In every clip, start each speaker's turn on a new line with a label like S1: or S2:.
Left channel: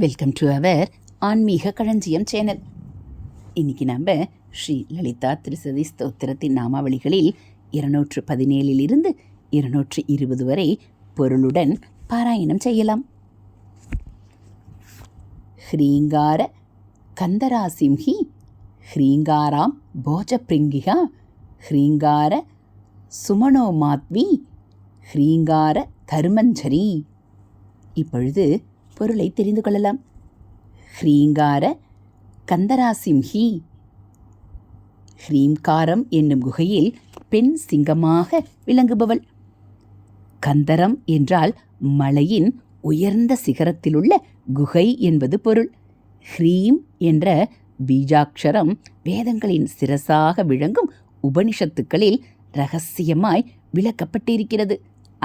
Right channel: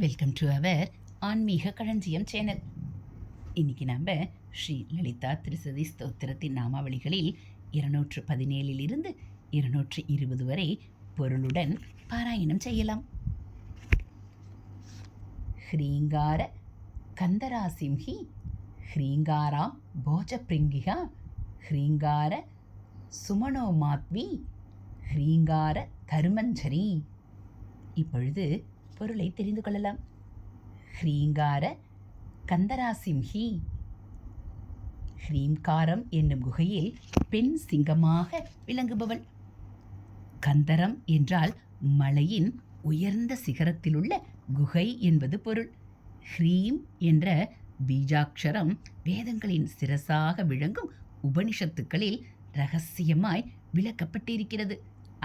S1: Welcome to our ஆன்மீக களஞ்சியம் channel இன்னைக்கு நம்ம ஸ்ரீ லலிதா திருசதி ஸ்தோத்திரத்தின் நாமாவளிகளில் இருநூற்று பதினேழிலிருந்து இருநூற்று இருபது வரை பொருளுடன் பாராயணம் செய்யலாம். ஹ்ரீங்கார கந்தராசிம்ஹி ஹ்ரீங்காராம் போஜப்ரிங்கிகா ஹ்ரீங்கார சுமனோமாத்மி ஹ்ரீங்கார கருமஞ்சரி இப்பொழுது பொருளை தெரிந்து கொள்ளலாம். ஹ்ரீங்கார கந்தராசிம்ஹி ஹ்ரீம்காரம் என்னும் குகையில் பெண் சிங்கமாக விளங்குபவள். கந்தரம் என்றால் மலையின் உயர்ந்த சிகரத்திலுள்ள குகை என்பது பொருள். ஹ்ரீம் என்ற பீஜாட்சரம் வேதங்களின் சிரசாக விளங்கும் உபனிஷத்துக்களில் ரகசியமாய் விளக்கப்பட்டிருக்கிறது.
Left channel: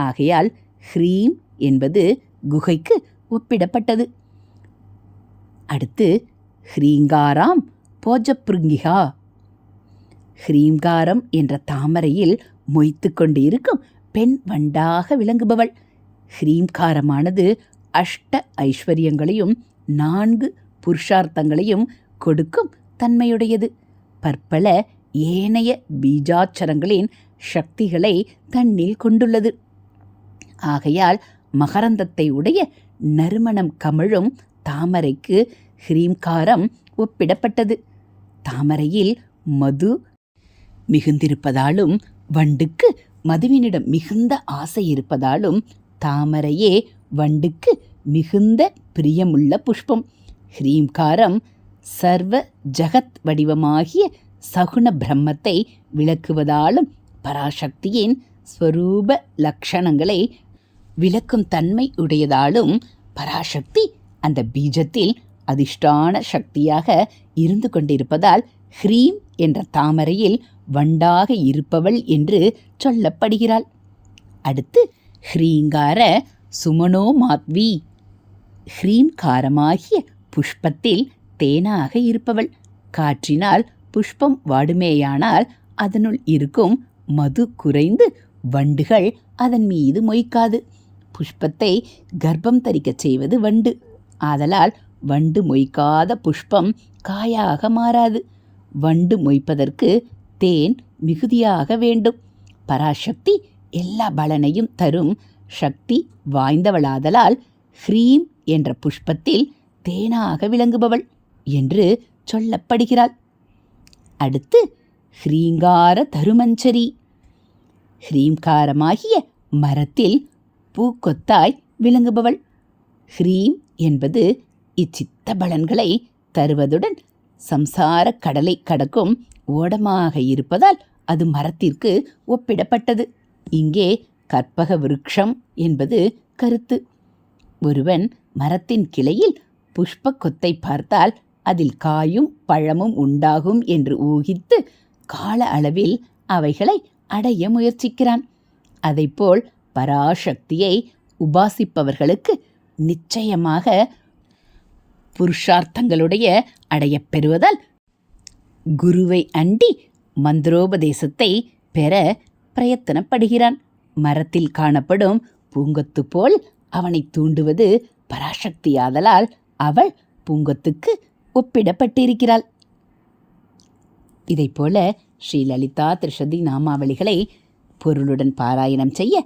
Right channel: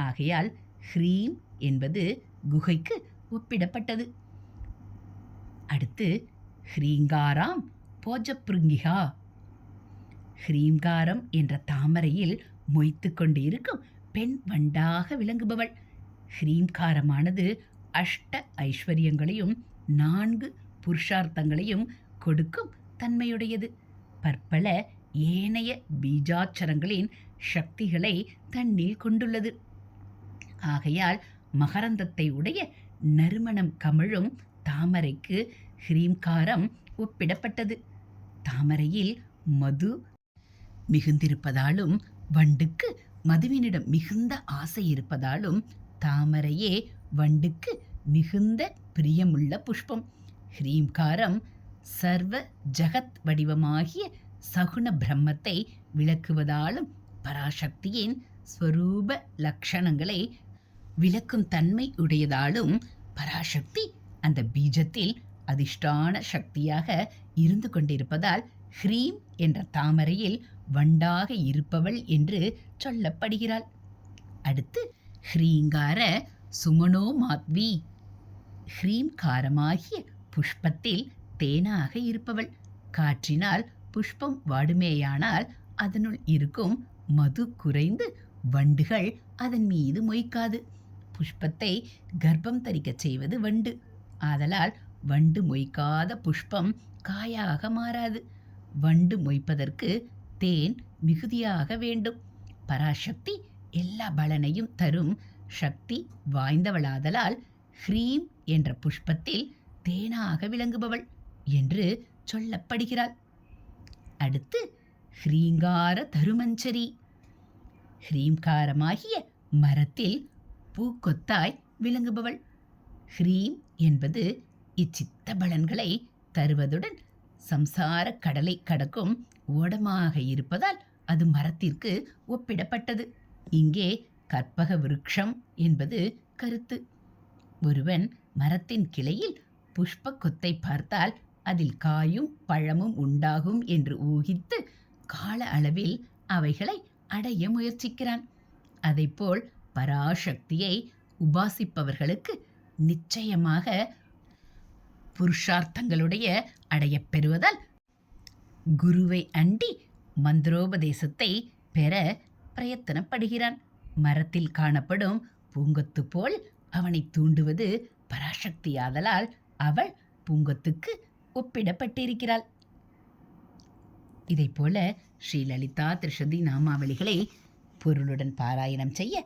S1: ஆகையால் ஹ்ரீம் என்பது குகைக்கு ஒப்பிடப்பட்டது. அடுத்து ஹ்ரீங்காராம் போஜப்ருங்கிகா. ஹ்ரீங்காரம் என்ற தாமரையில் மொய்த்து கொண்டு இருக்கும் பெண் வண்டாக விளங்குபவள். ஹ்ரீம்காரமானது அஷ்ட ஐஸ்வர்யங்களையும் நான்கு புருஷார்த்தங்களையும் கொடுக்கும் தன்மையுடையது. பற்பல ஏனைய பீஜாட்சரங்களின் சக்திகளை தன்னில் கொண்டுள்ளது. ஆகையால் மகரந்தத்தை உடைய நறுமணம் கமழும் தாமரைக்கு ஹ்ரீம்காரம் ஒப்பிடப்பட்டது. தாமரையில் மது மிகுந்திருப்பதாலும் வண்டுக்கு மதுவினிடம் மிகுந்த ஆசை இருப்பதாலும் தாமரையே வண்டுக்கு மிகுந்த பிரியமுள்ள புஷ்பம். ஹ்ரீம்காரம் சர்வ ஜகத் வடிவமாகிய சகுண பிரம்மத்தை விளக்குவதாலும் பராசக்தியின் ஸ்வரூப லக்ஷணங்களை விளக்கும் தன்மை உடையதாலும் பராசக்தி அந்த பீஜத்தில் அதிஷ்டான சக்தியாக இருந்து கொண்டிருப்பதால் ஹ்ரீம் என்ற தாமரையில் வண்டாக இருப்பவள் என்று சொல்லப்படுகிறாள். அடுத்து ஹ்ரீங்கார சுமனோ மாத்வி. ஹ்ரீம்காரமாகிய புஷ்பத்தில் தேனாக இருப்பவள். காற்றினால் புஷ்பம் வாடுமேயானால் அதனுள் இருக்கும் மது குறைந்து வண்டுகள் அதன் மீது மொய்க்காது. புஷ்பத்தை கர்ப்பம் தரிக்கச் செய்வது வண்டு. ஆதலால் வண்டு மொய்க்காத புஷ்பம் காயாக மாறாது. வண்டு மொய்ப்பதற்கு தேன் மிகுதியாக வேண்டும். பராசக்தி எல்லா பலனையும் தரும் சக்தி வாய்ந்தவளாதலால் ஹ்ரீம் என்ற புஷ்பத்தில் தேனாக விளங்குபவள் என்று சொல்லப்படுகிறாள். அடுத்து ஹ்ரீங்கார தருமஞ்சரி. ஹ்ரீங்காரமாகிய மரத்தில் பூக்கொத்தாய் விளங்குபவள். ஹ்ரீம் என்பது இச்சித்த பலன்களை தருவதுடன் சம்சார கடலை கடக்கும் ஓடமாக இருப்பதால் அது மரத்திற்கு ஒப்பிடப்பட்டது. இங்கே கற்பக விருட்சம் என்பது கருத்து. ஒருவன் மரத்தின் கிளையில் புஷ்ப கொத்தை பார்த்தால் அதில் காயும் பழமும் உண்டாகும் என்று ஊகித்து கால அளவில் அவைகளை அடைய முயற்சிக்கிறான். அதைப்போல் பராசக்தியை உபாசிப்பவர்களுக்கு நிச்சயமாக புருஷார்த்தங்களுடைய அடையப் பெறுவதால் குருவை அண்டி மந்திரோபதேசத்தை பெற பிரயத்தனப்படுகிறான். மரத்தில் காணப்படும் பூங்கொத்து போல் அவனை தூண்டுவது பராசக்தியாதலால் அவள் பூங்கொத்துக்கு ஒப்பிடப்பட்டிருக்கிறாள். இதைப்போல ஸ்ரீலலிதா திருஷதி நாமாவளிகளை பொருளுடன் பாராயணம் செய்ய